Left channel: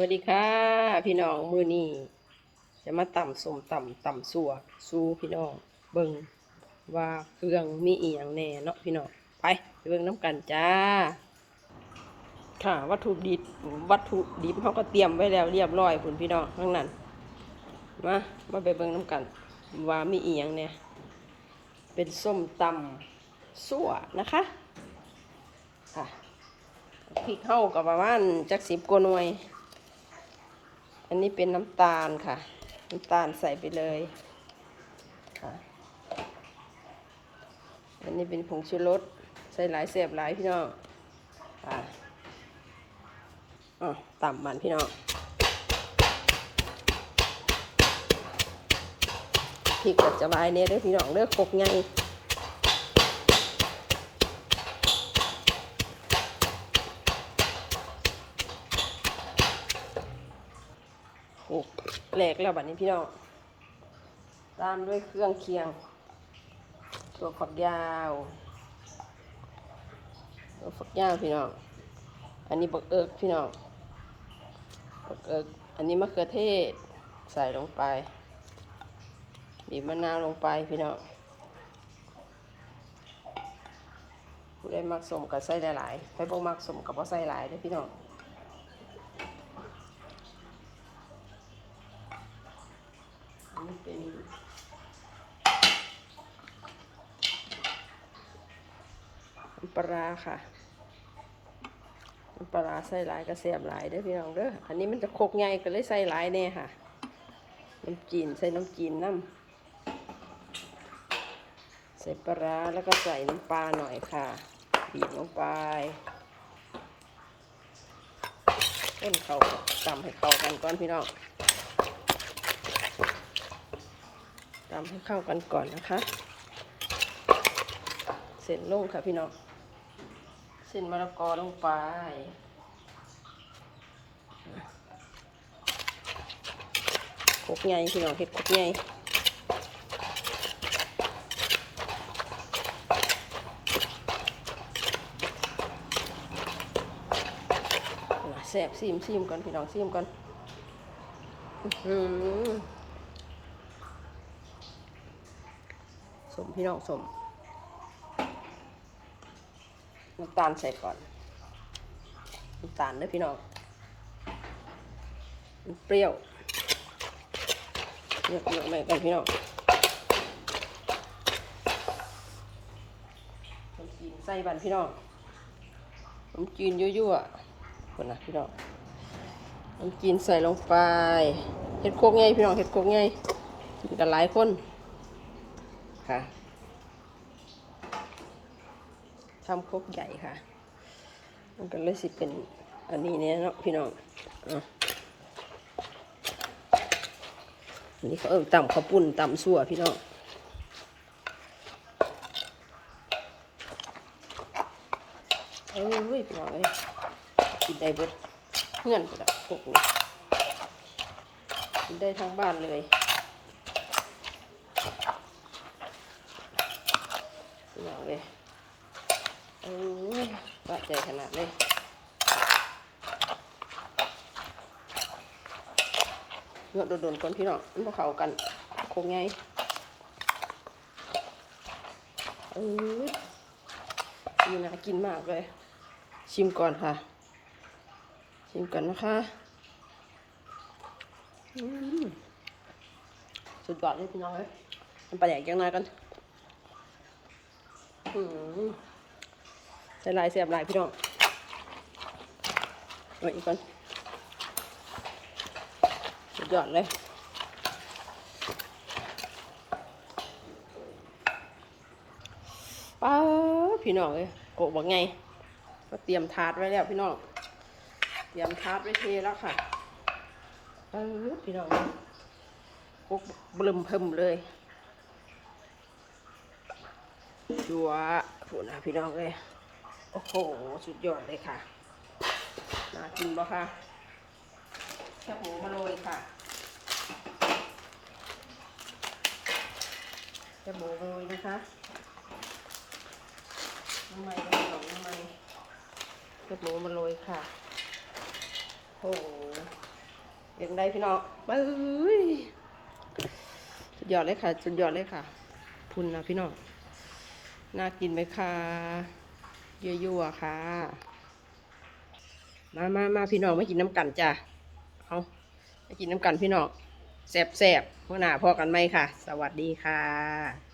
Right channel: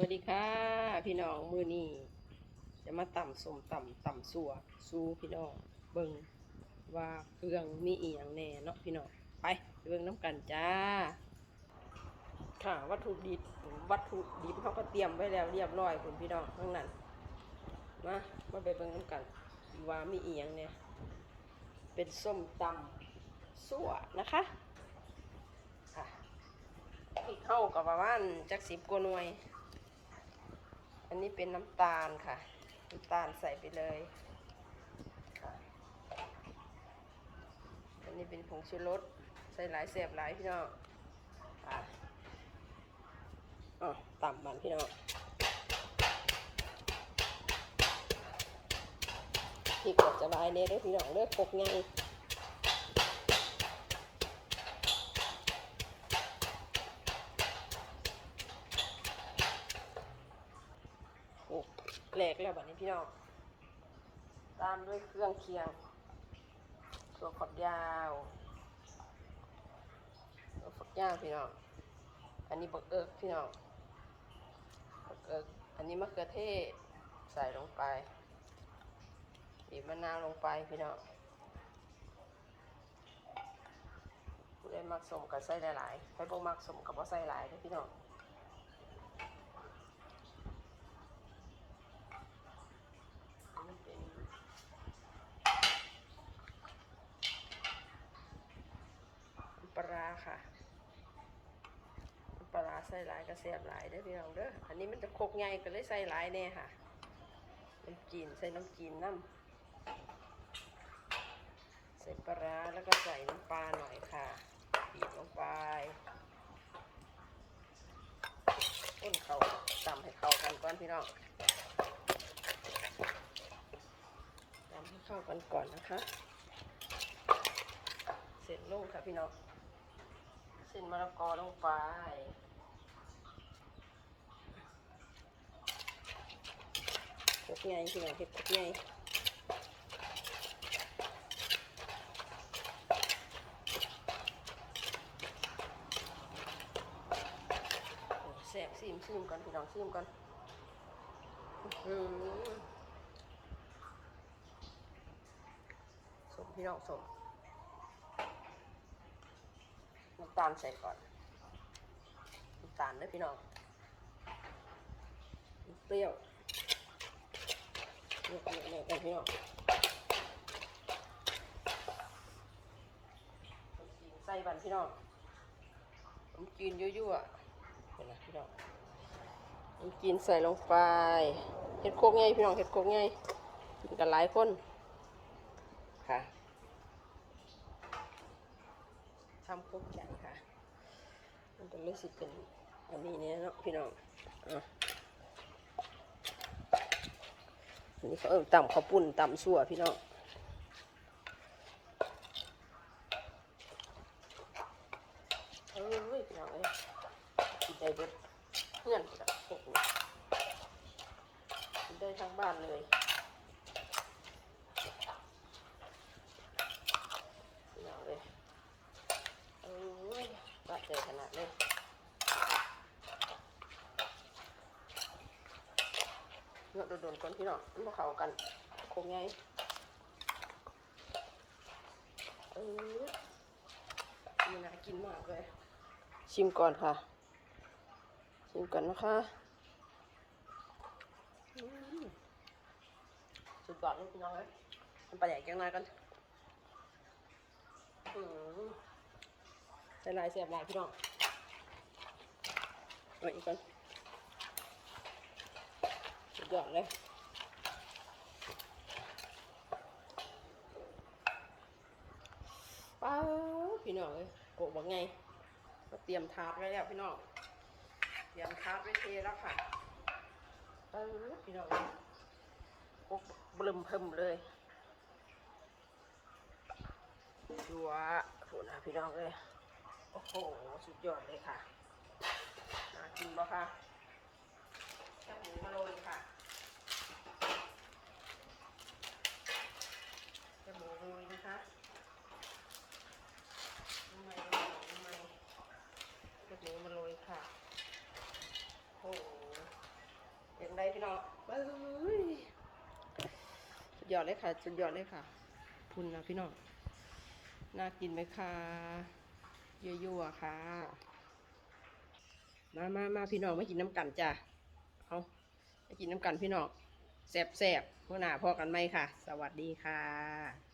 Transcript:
วัสดีค่ะ พี่น้องมือนี้จะมาต่ำสมต่ำต่ำสัวสู้พี่น้องเบิงว่าเครื่องมีอีหยังแน่เนาะพี่น้องไปเบิงน้ำกันจ้า ค่ะ วัตถุดิบวัตถุดิบเขาก็เตรียมไว้แล้วเรียบร้อยคุณพี่น้องข้างนั้นมามาไปเบิงน้ำกัน ว่ามีอีหยังเนี่ยเป็นส้มตำสั่วนะคะค่ะพริกเข้ากับประมาณจักสิบกว่าหน่วย อันนี้เป็นน้ำตาลค่ะ น้ำตาลใส่ไปเลยค่ะอันนี้เป็นผงชูรสใส่หลายเสียบหลายพี่น้องค่ะอ๋อต่ำมันพี่น้องพริกก็จะลายเนี่ยเด้อพี่น้องเด้อคกไง โอ้แหลกแล้วบัดนี้พี่น้องตามด้วยเครื่องเคียง ตัวฝักยาว ตัวฝักยาวพี่น้อง อันนี้บักเอิกพี่น้องบักเอิกอันนี้มะเขือเทศใส่ลงไป บีบมะนาวลงไปพี่น้องผู้ใดมักสมกับใส่หลายๆใครบ่มักสมกับว่าใส่หลายเด้อพี่น้อง อันนี้เป็นน้ำ ปลาค่ะปลาใส่หลายกระเสียบหลายเด้พี่น้องเด้อ อันนี้มันจะโคกใหญ่ก็เลยใส่หลายแน่ค่ะ น้ำจีนใส่น้ำจีนน้ำใส่ปลาแล้วก็ใส่น้ำปลาหน่อยค่ะบีบลงไปเล่นเขาตำให้เข้ากันก่อนพี่น้องตำให้เข้ากันก่อนนะคะ เส้นลงค่ะพี่น้อง เส้นมะละกอลงไปคกใหญ่พี่น้องเห็ดคกใหญ่แซ่บซีมซีมก่อนพี่น้องซีมก่อนสมพี่น้องสม น้ำตาลใส่ก่อนน้ำตาลเด้อพี่น้องมันเปรี้ยวเยอะเยอะเลยกันพี่น้องจีนใส่บันพี่น้องน้ำจีนยั่วๆคนนะพี่น้องน้ำจีนใส่ลงไปเห็ดโคกไงพี่น้องเห็ดโคกไงมีกันหลายคนค่ะ ทำครกใหญ่ค่ะ มันก็เลยสิเป็นอันนี้เนี่ยเนาะพี่น้องอะอันนี้เขาเอิ้นตำข้าวปุ้นตำสั่วพี่น้องเอ้ยพี่น้องเอ้ยกินได้เบิดเงื่อนกระดับพวกนี้กินได้ทั้งบ้านเลยบอกเลย โอ้ยบาดใจขนาดเลยเงาะโดนๆก่อนพี่น้องมันเข้ากันคงไงอ้ยนี่น่ากินมากเลย ชิมก่อนค่ะ ชิมก่อนนะคะสุดยอดเลยพี่น้องเลยมันไปใหญ่ยังไงกันอืม ส่ลายเสียบลายพี่น้องเอาอีกก่อนสุดยอดเลยป้าพี่น้องเลยโกะบอกไง ก็เตรียมถาดไว้แล้วพี่น้อง เตรียมถาดไว้เทแล้วค่ะเออพี่น้องปุ๊บบลึมเพิ่มเลยจัวผูนะพี่น้องเลย อ้โห สุดยอดเลยค่ะน่ากินปะคะแค่หมูมาโรยค่ะแค่หมูมาโรยนะคะน้ำมันก็สองน้ำมันแค่หมูมาโรยค่ะโอ้โหเป็นไงพี่น้องเบ้ยสุดยอดเลยค่ะ สุดยอดเลยค่ะ พุนนะพี่น้อง น่ากินไหมคะ ยั่วๆค่ะ มามามาพี่น้องมากินน้ำกันจ้ะเอามากินน้ำกันพี่น้องแสบๆเมื่อหน้าพอกันไหมค่ะ สวัสดีค่ะ